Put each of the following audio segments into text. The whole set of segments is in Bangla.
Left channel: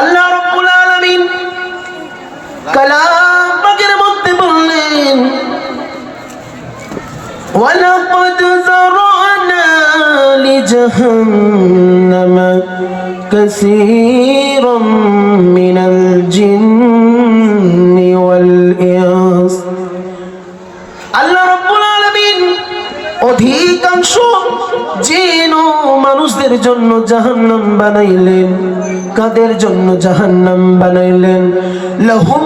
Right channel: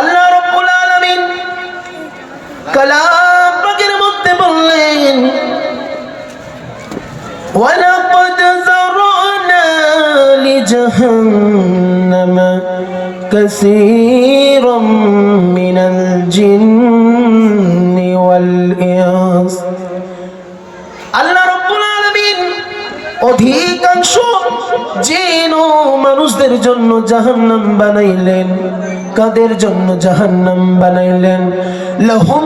আল্লাহ রব্বুল আলামিন কালাম পাকের মধ্যে বললেন ওয়ালাকাদ যারানা লিজাহান্নাম কাসীর। কাদের জন্য জাহান্নাম বানাইলেন? লাহুম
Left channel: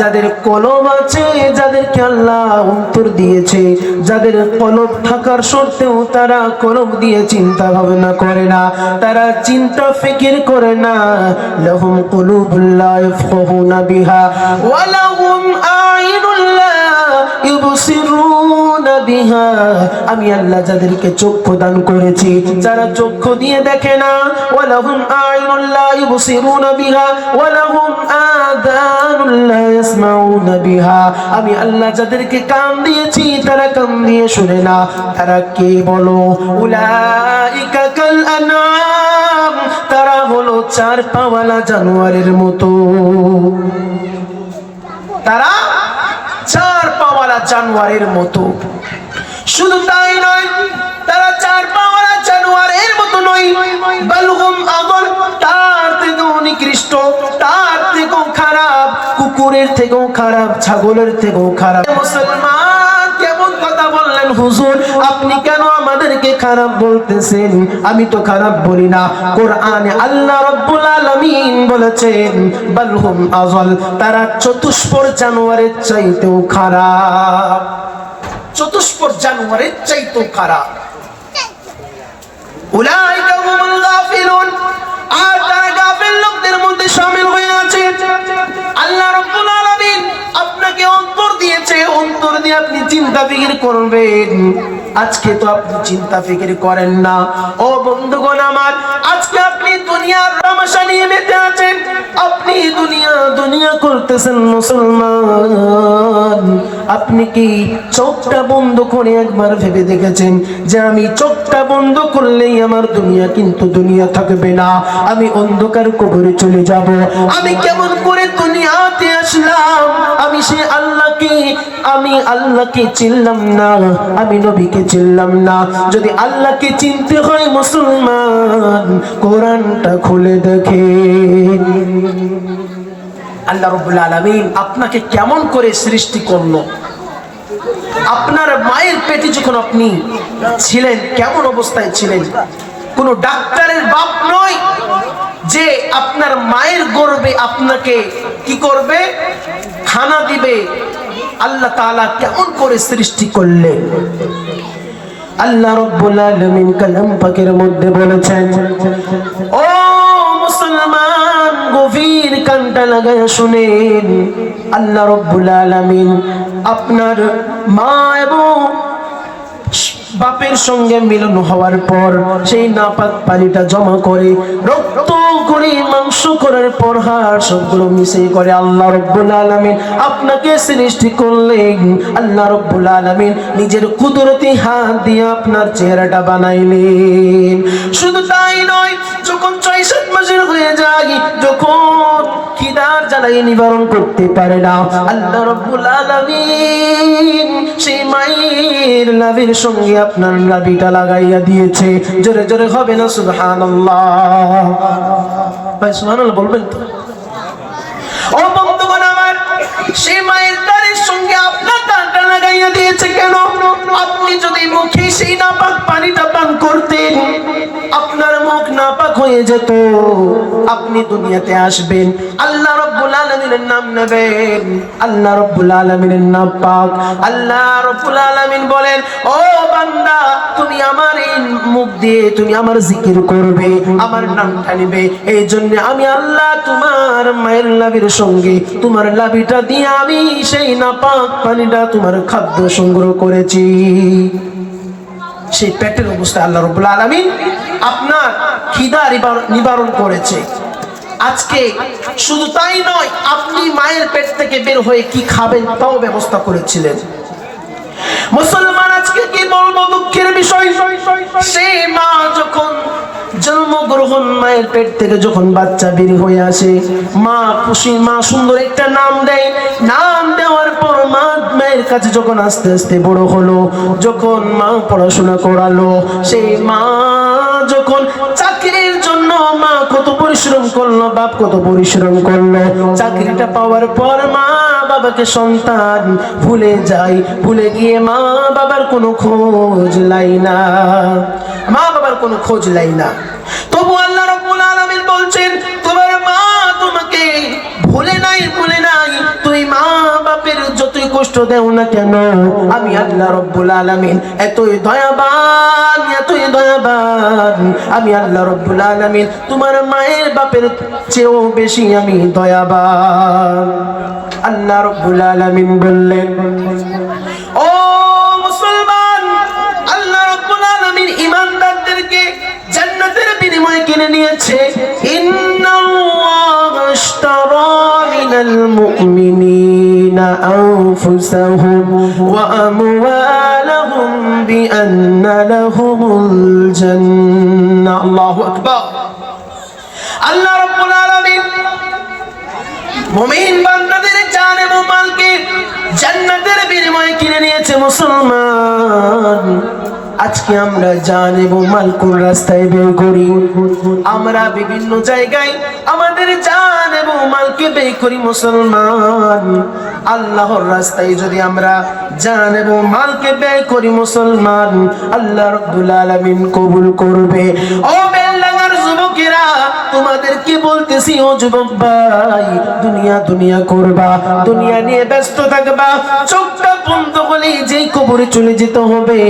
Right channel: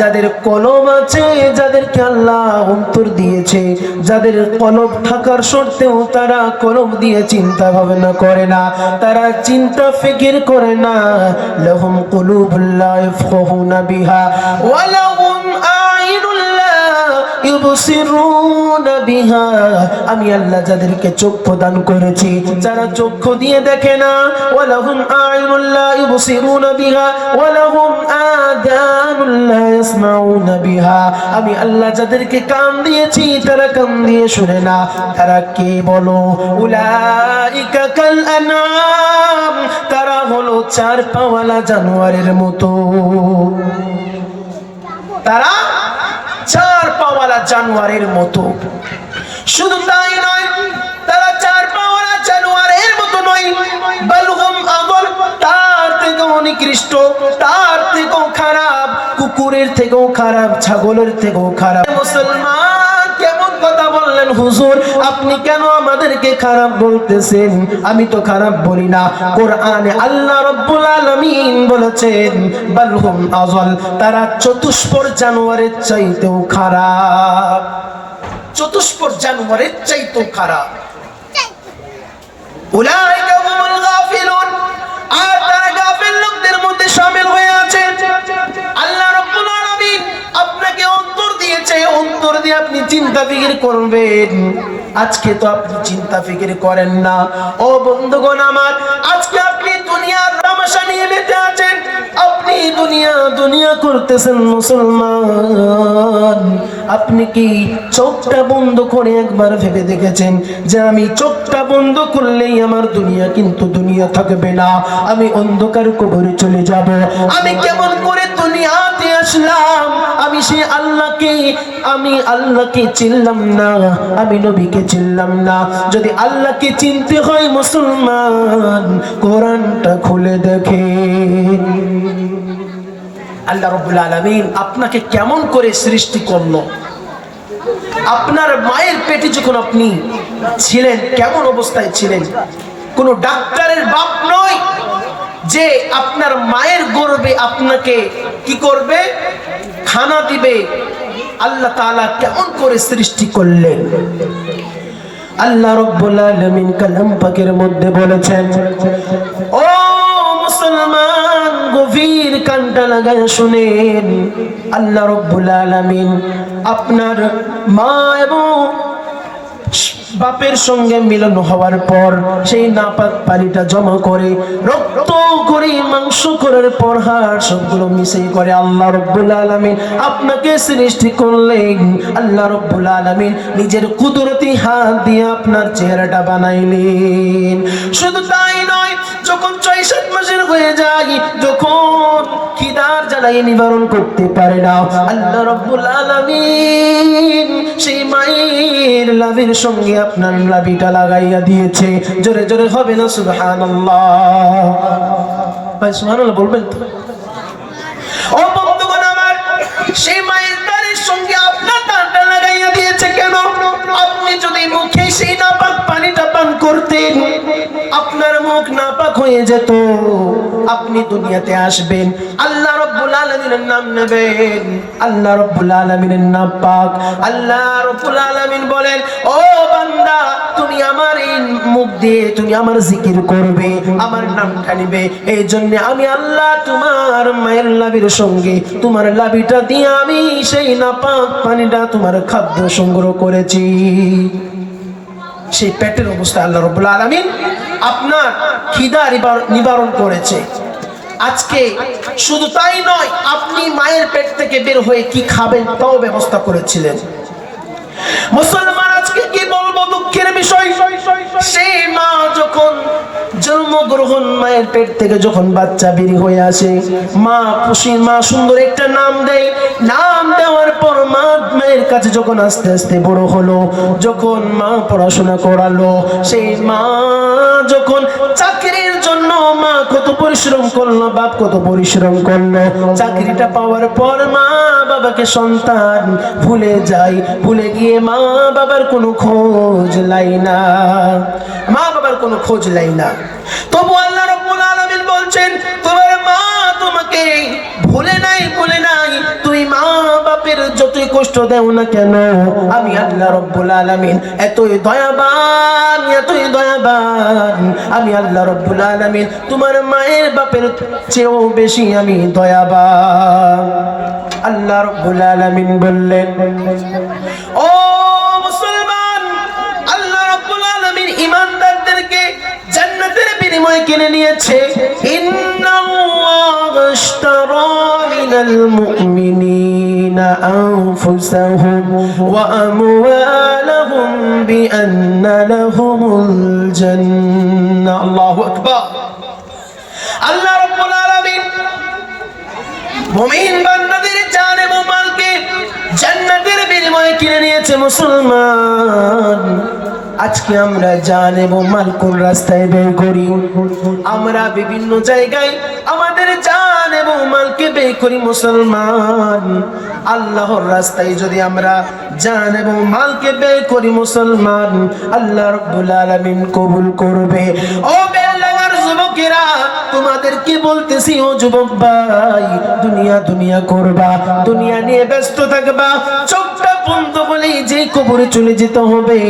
যাদের কলম আছে, যাদেরকে আল্লাহ অন্তর দিয়েছে, যাদের কলম থাকার সত্ত্বেও তারা কলম দিয়ে চিন্তা ভাবনা করে না, তারা চিন্তা ফিকির করে না। লাহুম কুলুবুল লা ইয়াফকাহুনা বিহা। ওয়া আমি আল্লাহ যাদেরকে চক্ষু দান করেছি, যারা চক্ষু দিয়ে দেখে না আমি আল্লাহ যাদেরকে কান দিয়েছি, তারা কান দিয়ে শুনে না। তারা কে বলো? উলাইকা কাল আনআম। তারা হলো চার পাওয়ালা জানোয়ারের মতো। তারা চার পাওয়ালা জানোয়ারের মতো। শুধু তাই নয়, তারা চার পাওয়ালা জানোয়ারের মতো নয়, বালুগম আগল, তার থেকেও নিকৃষ্ট, তার থেকেও খারাপ, কুকুরের থেকেও খারাপ, ছাগলের থেকেও খারাপ। মুসলমান, কেমন কথা বললেন হুজুর? আপনি কেন আমাদেরকে খারাপ বলতেছেন? আমি তো খারাপ বলি না। কোরআনে আল্লাহ রাব্বুল বলেছেন, বালহুম আযল তারা চতুষ্পর চাইতেও খারাপ। চতুষ্পর চাইতেও খারাপ। অন্তর দিয়েছে। অন্তর দিয়ে আপনি চিন্তা করবেন। আজকে তো আপনি চিন্তা ফিকির করেন না। ও বন্ধুগণ আমার দুনিয়া করতেছেন মুসলমান। আপনি কি চোখটা বন্ধ করে একবার ভেবে দেখেছেন যে আমি চোখটা বন্ধ করলেই আমার দুনিয়া কিন্তু দুনিয়া থাকবে না? আমি অন্ধকার কবরে চলে যাব। আমি কেমন করে দুনিয়াতে আসলাম? আমি সে আল্লাহকে, আমি আল্লাহকে চিনলাম না। আমি নবীকে চিনলাম না। যদি আল্লাহকে চিনতে হয় মুসলমান, কোরআনটা খুলে দেখে আল্লাহ রব্বুল আলামিন আপনাকে কেমন করে সৃষ্টি করল? আপনার মায়ের পেটে যখন আপনি ছিলেন, কেমন অবস্থায় ছিলেন? কোন ডাক্তারের বাপ নয় যে আপনার মায়ের গর্বে আপনাকে কি করবে? খানা দিবে। আল্লাহ তাআলা কেমন করে সৃষ্টি করলেন? আল্লাহ রব্বুল আলামিন কালাম পাকের মধ্যে বলেছেন, ও আপনার মা এবং বাপের সঙ্গে মিলন হওয়ার পর সেই নাপাক পানিটা জমা করে, রক্ত করে, মাংস করার পর হাড় সবগুলো মিশে করে আল্লাহ রব্বুল আলামিন আপনাকে সৃষ্টি করলেন। আল্লাহ রব্বুল আলামিন নিজের কুদরতি হাত দিয়ে আপনার চেহারাটা বানাইলেন। শুধু তাই নয়, যখন ছয় সাত মাসের হয়ে যায়, যখন খিদার নিবারণ করতে পারে না। আল্লাহ রব্বুল আলামিন সেই মায়ের লাভের সঙ্গে আপনার লাভিটা লাগাইয়া দিয়েছে। জোরে জোরে হবে না, সুবহানাল্লাহ। সুবহানাল্লাহ বলবেন তো? ও বন্ধুগণ আমার সেই মায়ের সঙ্গে আপনার লাগাইয়া দিয়েছে কেন? আপনি যদি মুখে সেই নাপাক পানিটা পান করতেন, আপনার মুখ নাপাক হয়ে যেত। আপনি দুনিয়াতে আসবেন। আল্লাহ আলামিনের নাম নেবেন। আল্লাহ রব্বুল আলামিনের নাম পাক। আল্লাহ রব্বুল আলামিন বলেন, ও বান্দা, তুমি আমার মুখ দিয়ে তুমি আমার জিকির করবে, আমার নামটা নিবে। এই জন্য আমি আল্লাহ তোমার মায়ের লাভির সঙ্গে, তোমার লাভিটা দিয়ে আমি সেই নাপাক পানিটা তোমার খাদ্য সংগ্রহ করেছি। সেই পেটের অবস্থা আল্লাহ রব্বুল আলামিন আপনার খিদা নিবারণ করেছে। আজকে শুধু তাই নয়, আপনি মায়ের পেট থেকে বের হয়ে কি খাবেন তাও ব্যবস্থা করেছিলেন। মুসলমান আজকে কি বলব দুঃখের বিষয়? সেই মা যখন যখন মায়ের পেট থেকে যখন বাচ্চা বেরি হয়ে আসে, মা খুশি, মা সুন্দর একটা নাম দেয়। নাম দেওয়ার পর মা মায়ের কাছে যখন আস্তে আস্তে বড় হলো, যখন মা পড়াশোনা করালো, সেই মা পরিশ্রম করল, বাপ কত পরিশ্রম করল। চাকরিটা পাওয়ার পর মা বাবাকে সন্তান ভুলে যায়, ভুলে গিয়ে মা বাবার কোনো খোঁজ লাই না। মা বাবার কোনো খোঁজ লাই না। তবু আল্লাহ রাব্বুল আলামিন বলছেন, তোমার মা তোমাকে ভুলে নাই ভুলে নাই। তুই মা বাপের যতই কষ্ট দেও না কেন, আমি আল্লাহ রব্বুল আলামিন এতই দয়াবান আমি আল্লাহ রব্বুল আলামিন, তোমার মায়ের বাপের চেয়েও বেশি আমি দয়াবান। আল্লাহ রব্বুল আলামিন বললেন, ও মুসলমান, আল্লাহ রব্বুল আলামিন নিয়েছে। ইন্নাল্লাহ ইশতারা মিনাল মুমিনিনা আনফুসাহুম লাহুমুল আজকে আমরা জান এবং মাল কোন রাস্তায় ব্যয় করি। আমরা বিভিন্ন জায়গায় আমাদের জান এবং মালকে ব্যয় করি মুসলমান। আল্লাহর রাস্তায় যদি আমরা জান এবং মালকে বে করি মুসলমান, আল্লাহ রব্দুল আলমিন কবুল করবে। ও তোমাদেরকে বলতেছি, ও যুবক ভাই, দুনিয়া দুনিয়া করবা, দুনিয়া নিয়ে ব্যস্ত থাকবা। চোখটা বন্ধ হলেই যে কবরে চলে যেতে হবে।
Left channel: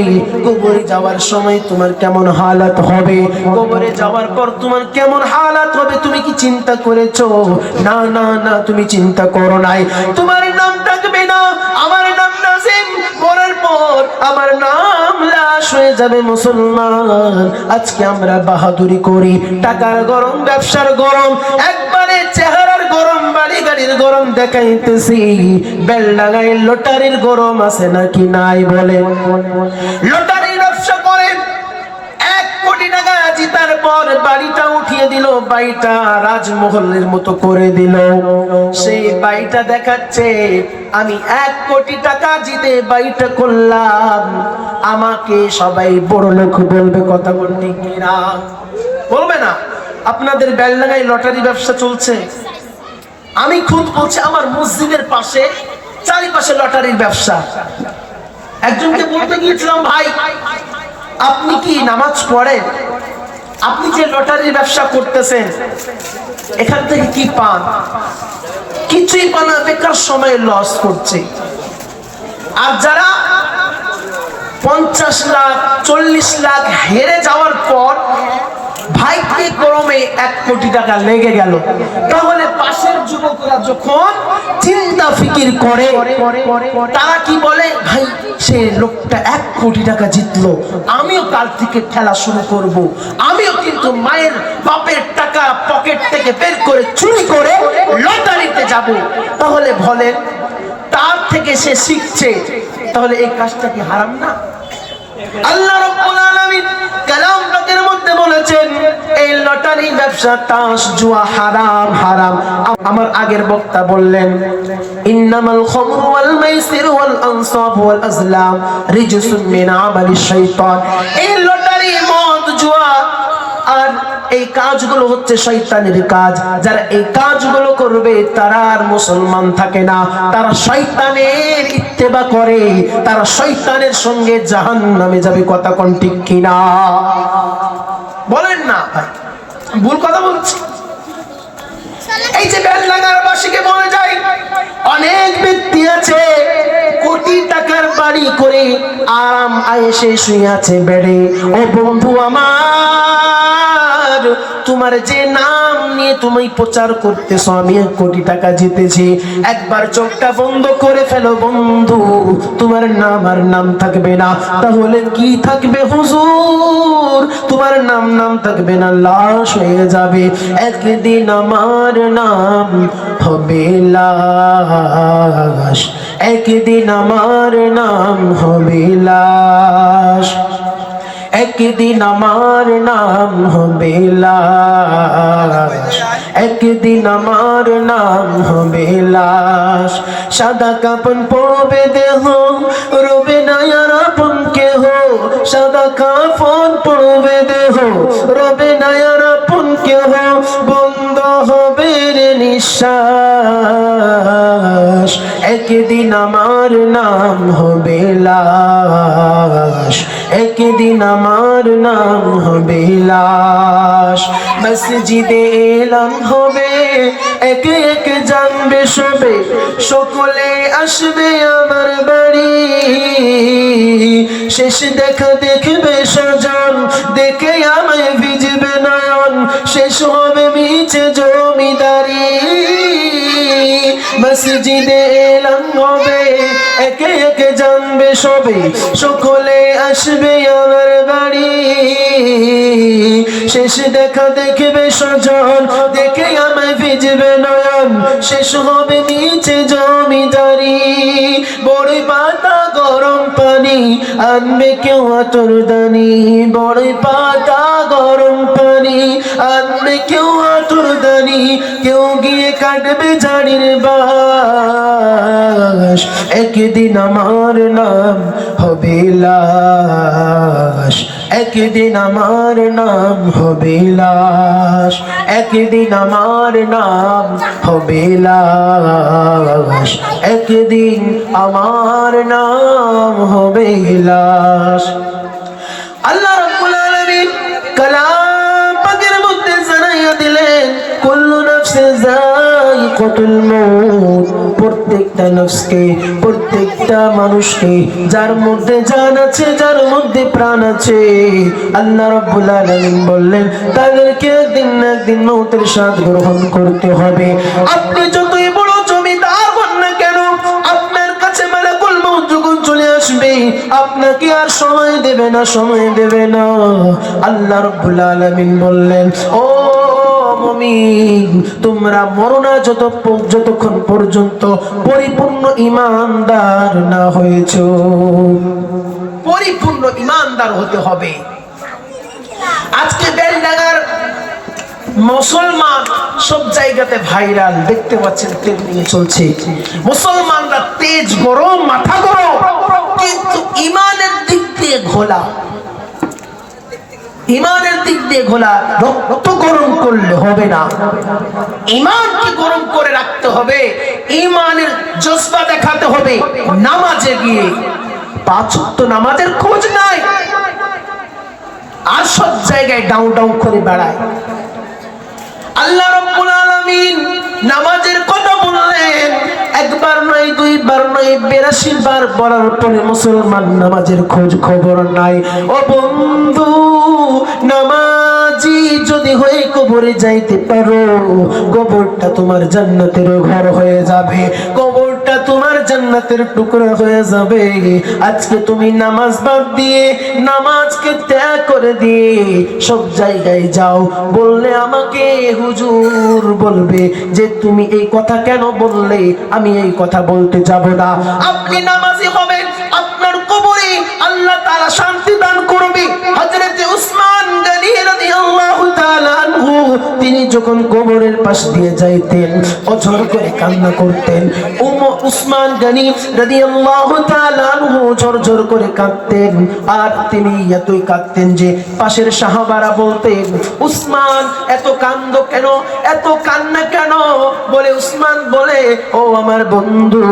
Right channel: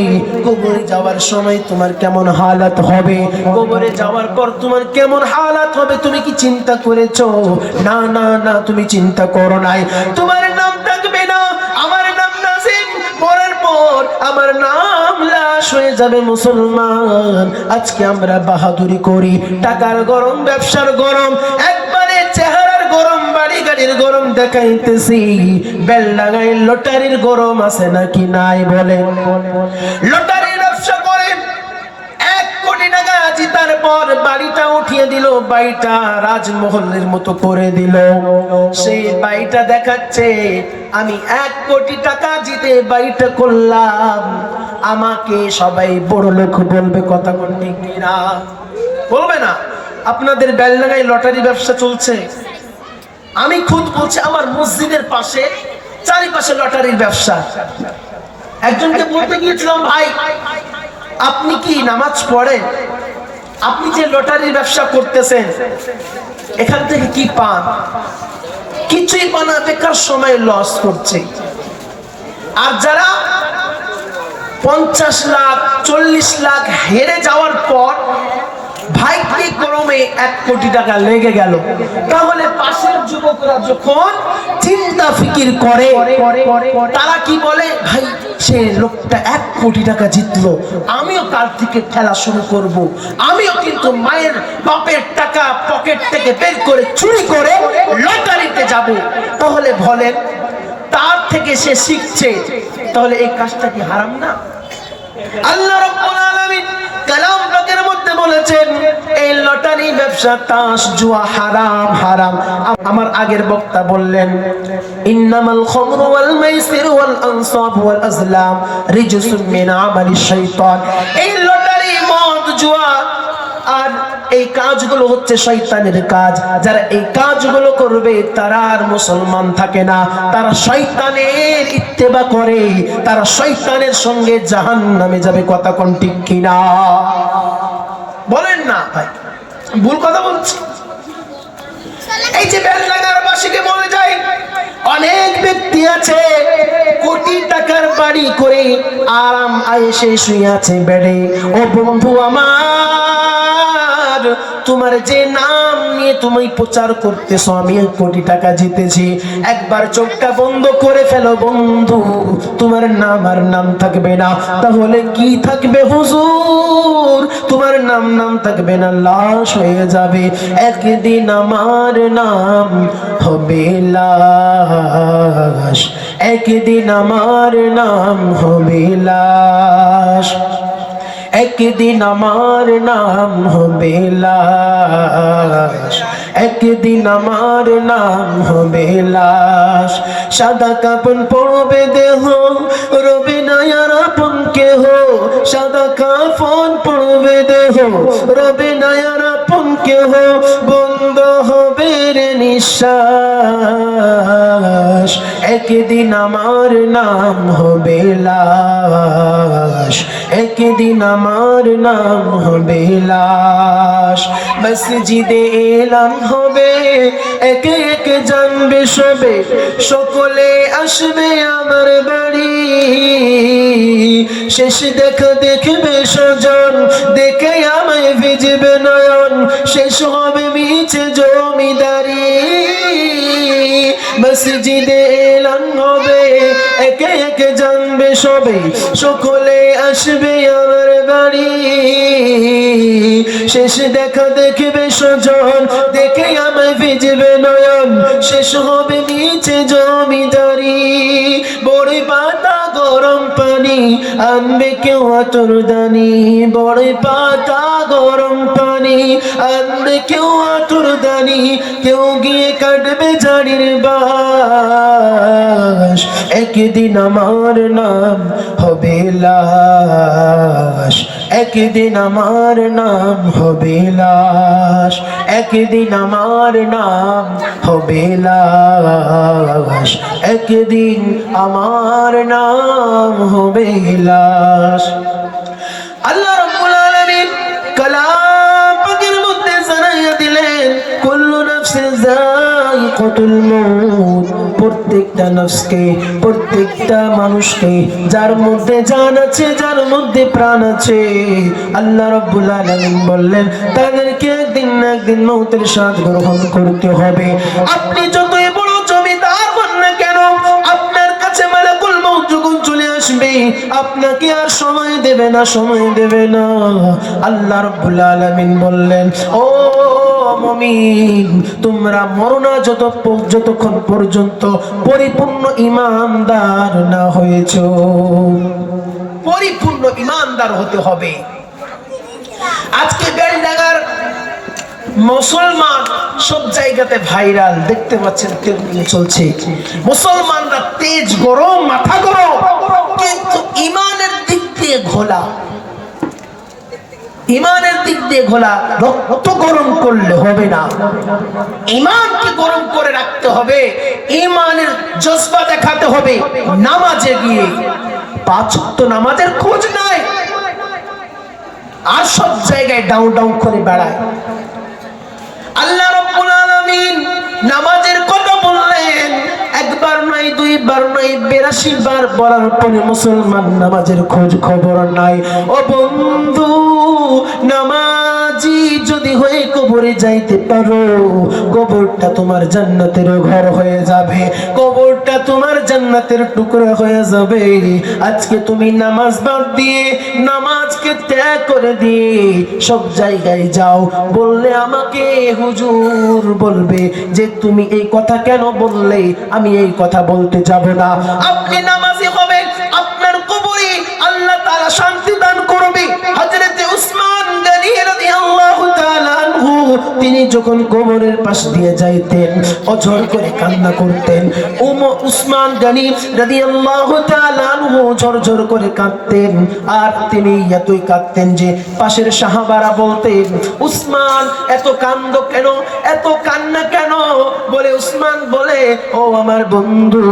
কবরে যাওয়ার সময় তোমার কেমন হালাত হবে? কবরে যাওয়ার পর তোমার কেমন হালাত হবে, তুমি কি চিন্তা করেছ? না না না, তুমি চিন্তা করো নাই। তোমার নাম লাশ হয়ে যাবে মুসলমান। আজকে আমরা বাহাদুরি করি। টাকার গরম, ব্যবসার গরম, একবারে চেহারার গরম বাড়ি গাড়ির গরম দেখাইতেছি। বেল লাগাই লটারির গরম আছে নাকি নাই বলেন? লটারি ব্যবসা করে এক কোটি টাকা জিতার পর বাড়িটা উঠিয়ে দিল, বাড়িটা রাজমহলের মতো করে দিল। সেই বাড়িটা দেখাচ্ছে, আমি এক কোটি টাকা জিতে বাড়িটা করলাম। আমাকে সবাই বড় লোক বলবে কথা কিনা? বলবে না। আপনাদের বেলডাঙ্গায় লটারি ব্যবসা চলছে। আমি খুদ বলছি, আমার মসজিদের পাশে, চারিপাশে লটারির ব্যবসা। একজনকে বলতে গিয়েছিলাম, ভাই, আপনি কি নামাজ পড়েন? আপনি যে লটারির ব্যবসা করতেছেন, এখান থেকে কি পান? কিছুই পান বেকার সময় লস করছে আর যারা পঞ্চাশ লাখ, চল্লিশ লাখ হেরে যাওয়ার পর ভাইকে গরমে এক কোটি টাকা লেগে গেল, তাহলে পাশের যুবকরা যখন চিন্তা ফিকির করে, তারা কি বলে? সে লোকটা এক কোটি টাকা জিতলো। আমিও তার থেকে খেলা শুরু করব। আমিও কিন্তু মায়ের বাপের টাকা পকেট থেকে বের করে চুরি করে লটারিতে যাব। তাহলে বলেন, তার থেকে সে শিখছে। তাহলে এই কাজটা কি হারাম না? আল্লাহ মধ্যে বলেছেন, এই লটারি ব্যবসা হারাম হারাম। আমার আগের বক্তা বললেন মাইসির ওয়াল আনসাব ওয়াল আজলাম রিজসুম মিন আমালিশ শাইতান। এই লটারি, মদ, জুয়া, আর এই কাজগুলো হচ্ছে শয়তানের কাজ। যারা এই কাজগুলো করবে, তারা আর মুসলমান থাকে না। তারা শয়তানের ইত্তেবা করে, তারা শয়তানের সঙ্গে জাহান নামে যাবে, কথা কোন ঠিক কিনা? বলেন না। ভুল কথা বলছি। এই যে বেল লাগার বাসীকে বলে যায় অনেক ব্যক্তি আছে, কোটি টাকার বাড়ি করে আরাম আয়েসে শুয়ে আছে বেড়ে। ও বন্ধু আমার তোমার যে নাম নিয়ে তুমি প্রচার করতেছো, আমি এক কোটি টাকা জিতেছি। একবার চোখটা বন্ধ করে ফেলো বন্ধু, তোমার নাম আর নাম থাকবে না। তাহলে কি থাকবে হুজুর? তোমার নাম নাম থাকবে না, লাশ হয়ে যাবে। একদিন আমার নাম হবে লাশ। একদিন আমার নাম হবে লাশ। একদিন আমার নাম হবে লাশ। একদিন আমার নাম হবে লাশ। সাদা কাপন পড়বে দেহ, রবে নায়ার আপন কেহ। সাদা কাফন পড়বে দেহ, রবে নায়ার আপন কেহ। বন্ধ হবে রে নিঃশ্বাস। একদিন আমার নাম হবে লাশ। একদিন আমার নাম হবে লাশ। মসজিদে এলান হবে, একে একে জানবে সবে, সকলে আসবে আমার বাড়ি। শেষ দেখা দেখবে সজন দেখে আমায় ভিজবে নয়ন, শেষ হবে মিছে জমিদারি। মসজিদে সবে সকলে আসবে আমার বাড়ি। শেষ দেখা দেখবে সজন দেখে আমায় ভিজবে নয়ন। শেষ হবে নিচে জমিদারি। বড় পাতা গরম পানি, আনবে কেউ আতর দানি। বড় পাতা গরম পানি, আনবে কেউ আতর দানি। কেউ গিয়ে কাটবে ঝাড়ির বাস একদিন আমার নাম হবে লাশ। একদিন আমার নাম হবে লাশ। একদিন আমার নাম হবে লাশ। একদিন আমার নাম হবে লাশ। আল্লাহ রাব্বুল প্রত্যেকটা নফসকে প্রত্যেকটা মানুষকে, যার মধ্যে জান আছে, যার মধ্যে প্রাণ আছে, আল্লাহ রাব্বুল আলামিন বললেন, তাদেরকে একদিন না একদিন মৌতের স্বাদ গ্রহণ করতে হবে। আপনি যতই বড় জমিদার হন না কেন, আপনার কাছে মালাকুল মউত যখন চলে আসবে, আপনাকে আর সময় দেবে না, সময় দেবে না। আল্লাহ রাব্বুল আলামিন বললেন, ও তোমরা মরো না যত যতক্ষণ পর্যন্ত পরিপূর্ণ ইমানদার না হয়েছ। পরিপূর্ণ ইমানদার হতে হবে। আজকে বেলডাঙ্গার মুসলমান সব জায়গাতে ভাইরাল। দেখতে পাচ্ছেন তেলমিল চলছে। মুসলমানরা তেজ গরম, মাথা গরম। কিন্তু ইমানের দিক দিয়ে ঘোলা। ইমানের দিক দিয়ে ঘোলা রক্ত গরম করলে হবে না। ইমানকে গরম করে রাখতে হবে, ইমানের জজবা দেখাতে হবে, নামাজে গিয়ে। পাঁচ ওয়াক্ত নামাজের খোঁজ নাই। আর সব জায়গায় ডাউন ডাউন করে বেড়ায়। আল্লাহ রাব্বুল আলামিন নামাজের কথা বললেন, একবার নয়, দুইবার নয়, বিরাশি বার বলার পরে মুসলমান নামাজের খোঁজ খবর নাই। ও বন্ধু যদি হয়ে কবরে যাইতে পারো, কবরটা তোমার জান্নাতের ঘর হয়ে যাবে। কবরটা তোমার জান্নাতের টুকরা হয়ে যাবে। আজকে তুমি নামাজ বাদ দিয়ে, নামাজকে ত্যাগ করে দিয়ে সব জায়গায় যাও। বললে আমাকে হুজুর বলবে যে, তুমি এই কথা কেন বললে? আমি এই কথা বলতে যাব না। আপনি নামাজি হবেন, আপনার কবরে আল্লাহ তাআলা শান্তি দান করবে। হযরতে উসমান তিনি যখন কবরের পাশ দিয়ে যাইতেন অঝর করে কান্না করতেন। উম উসমান গনি রাদিয়াল্লাহু তাআলা ঝরঝর করে কাঁদতেন। আর তিনি এতই কাঁদতেন যে পাশের সাহাবারা বলতেন, উসমান, এত কান্দ কেন? এত কান্না কেন? বলে উসমান বলে, ও আমার বন্ধু,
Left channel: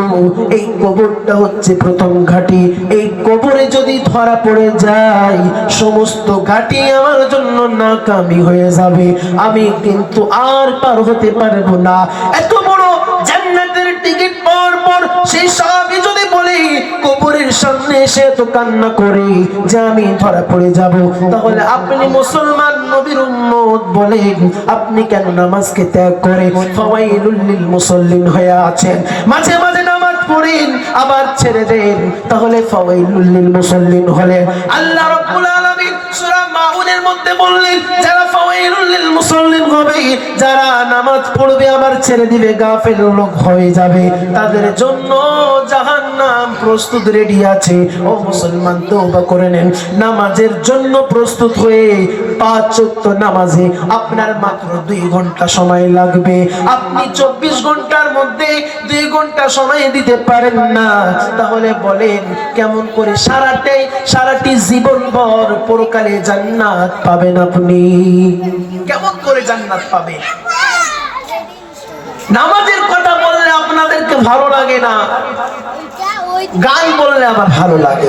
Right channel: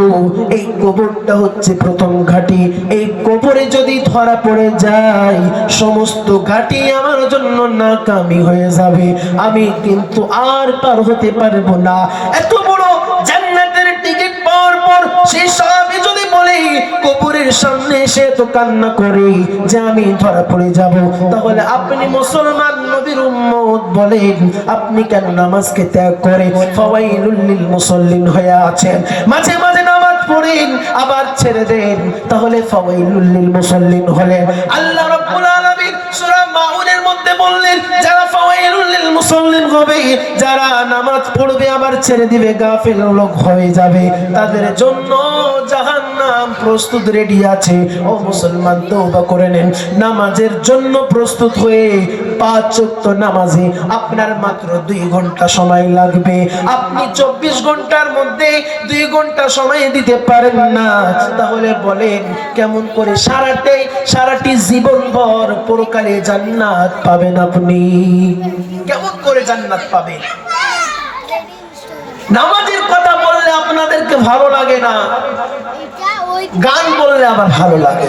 এই কবরটা হচ্ছে প্রথম ঘাটি, এই কবরে যদি ধরা পড়ে যায়, সমস্ত ঘাটি আমার জন্য নাকামি হয়ে যাবে। আমি কিন্তু আর পার হতে পারব না। এত বড় জান্নাতের টিকিট পাওয়ার পর সেই সাহাবী যদি বলে, কবরের সামনে এসে তো কান্না করে যে আমি ধরা পড়ে যাব। তাহলে আপনি মুসলমান নবীর উম্মত বলেন, আপনি কেন নামাজকে ত্যাগ করে ফাওয়াইলুল লিল মুসাল্লিন হয়ে আছেন? মাঝে মাঝে পড়েন, আবার ছেড়ে দেন। তাহলে ফাওয়াইলুল লিল মুসাল্লিন হলেন। আল্লাহ রাব্বুল আলামিন সূরা মাউনের মধ্যে বললেন, যারা নামাজের জন্য প্রস্তুত হয়ে পাঁচ নামাজে আপনার মাত্র দুই ঘণ্টা সময় লাগবে। আপনি চব্বিশ ঘণ্টার মধ্যে দুই ঘণ্টা সময় দিতে পারেন না। তাহলে বলেন, কেমন করে সারাটে সারাটি জীবন ভর পরকালে জান্নাত পাবেন আপনি? কেমন করে জান্নাত পাবে? নামাজের কথা বললে আপনাদেরকে ভালো লাগে না। গান বললে আবার ভালো লাগে।